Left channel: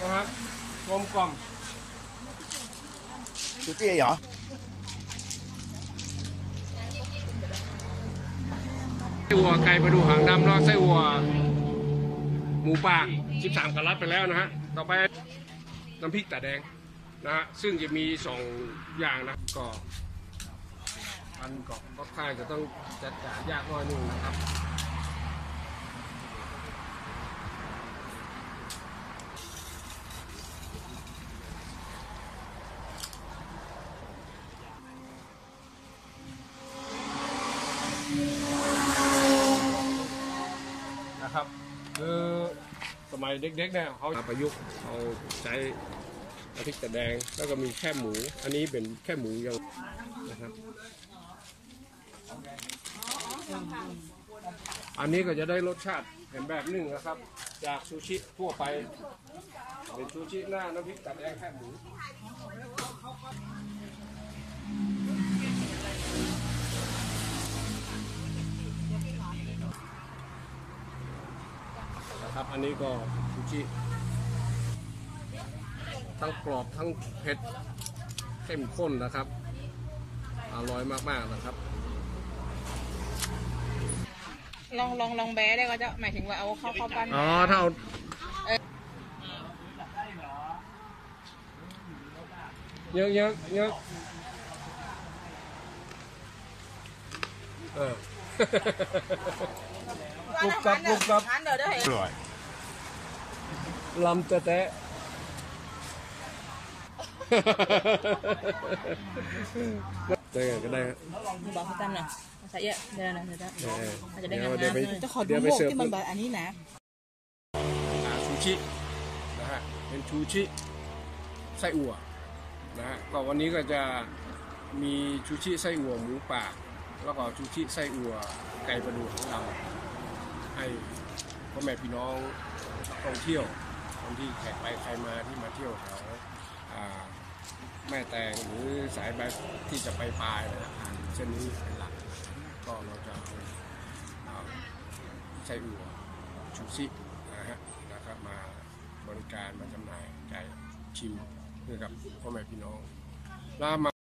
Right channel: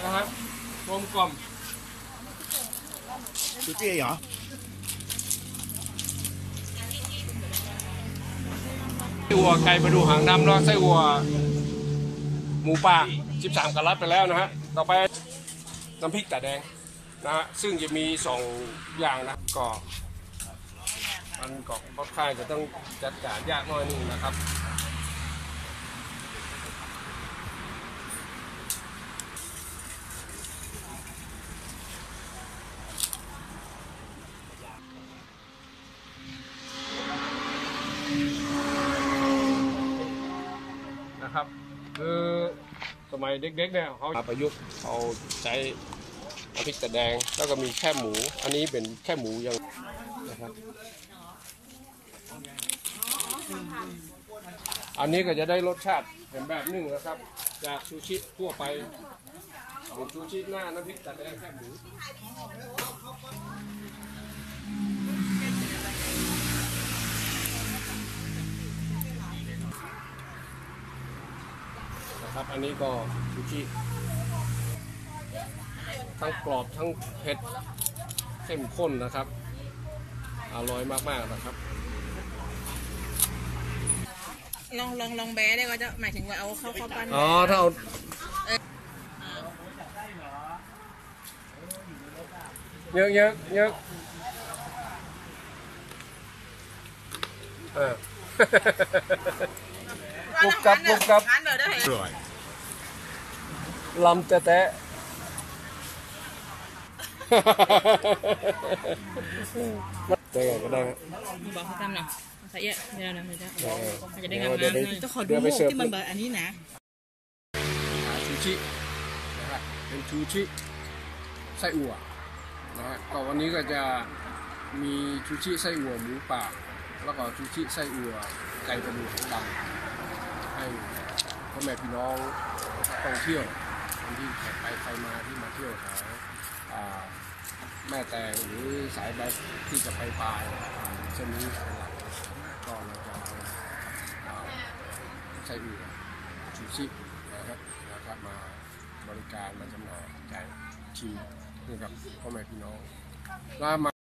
นะครับกลมกล่อม chú kia hả ไส้อัวไก่ประดูหางดำแล้วไส้อัว หมูป่า 13กะรัตไปแล้วนะฮะ ต่อไปน้ำพริกตาแดงนะฮะ ซึ่งจะมีสองอย่างนะก็มันก็ค่อนข้างจะต้องจัดการยากหน้อยหนึงนะครับ นะครับ คือสมัยเด็กๆเนี่ยเขาประยุกต์เอาใช้น้ำพริกตะแดงแล้วก็มีแค่หมู อันนี้เป็นแค่หมูยังนะครับ อันนี้ก็จะได้รสชาติเป็นแบบนึ่งนะครับ จากซูชิทั่วไปเป็นซูชิหน้าน้ำพริกตะแดงแค่หมู ครับ อันนี้ก็ซูชิทั้งกรอบทั้งเผ็ดเข้มข้นนะครับ อร่อยมากๆนะครับ ลองลองลองแบ้ได้ก็จะหมายถึงว่าเอาเข้าเข้าปั้นอ๋อถ้าเอาเยอะเยอะเยอะเออ กรุบกรับกรุบกรับอันเดี๋ยวได้ rồi ลำจะแตะได้ไงก็ได้ครับบอกเขาทำหน่อยใส่เยอะเดี๋ยวเดี๋ยวเดี๋ยวเออมันจะได้งามเดี๋ยวๆไปไงจะขอดูเดี๋ยวหไปมวกเสิร์ฟที่มันแบบอันนี้นะหาชูชินะฮะเป็นชูชิไส้อั่วนะฮะก็วันนี้ก็จะมีชูชิไส้อั่วหมูป่าแล้วก็ชูชิไส้อั่วไก่ประดูหางดำให้พ่อแม่พี่น้องนักท่องเที่ยว คนที่แขกไปใครมาที่มาเที่ยวแถวแม่แตงหรือสายแบบที่จะไปปลายนะครับเช่นนี้เป็นหลักก็เราจะเอาใช้อั่วชูชินะฮะนะครับมาบริการมาจำหน่ายจ่ายชิมให้กับพ่อแม่พี่น้องแล้วมา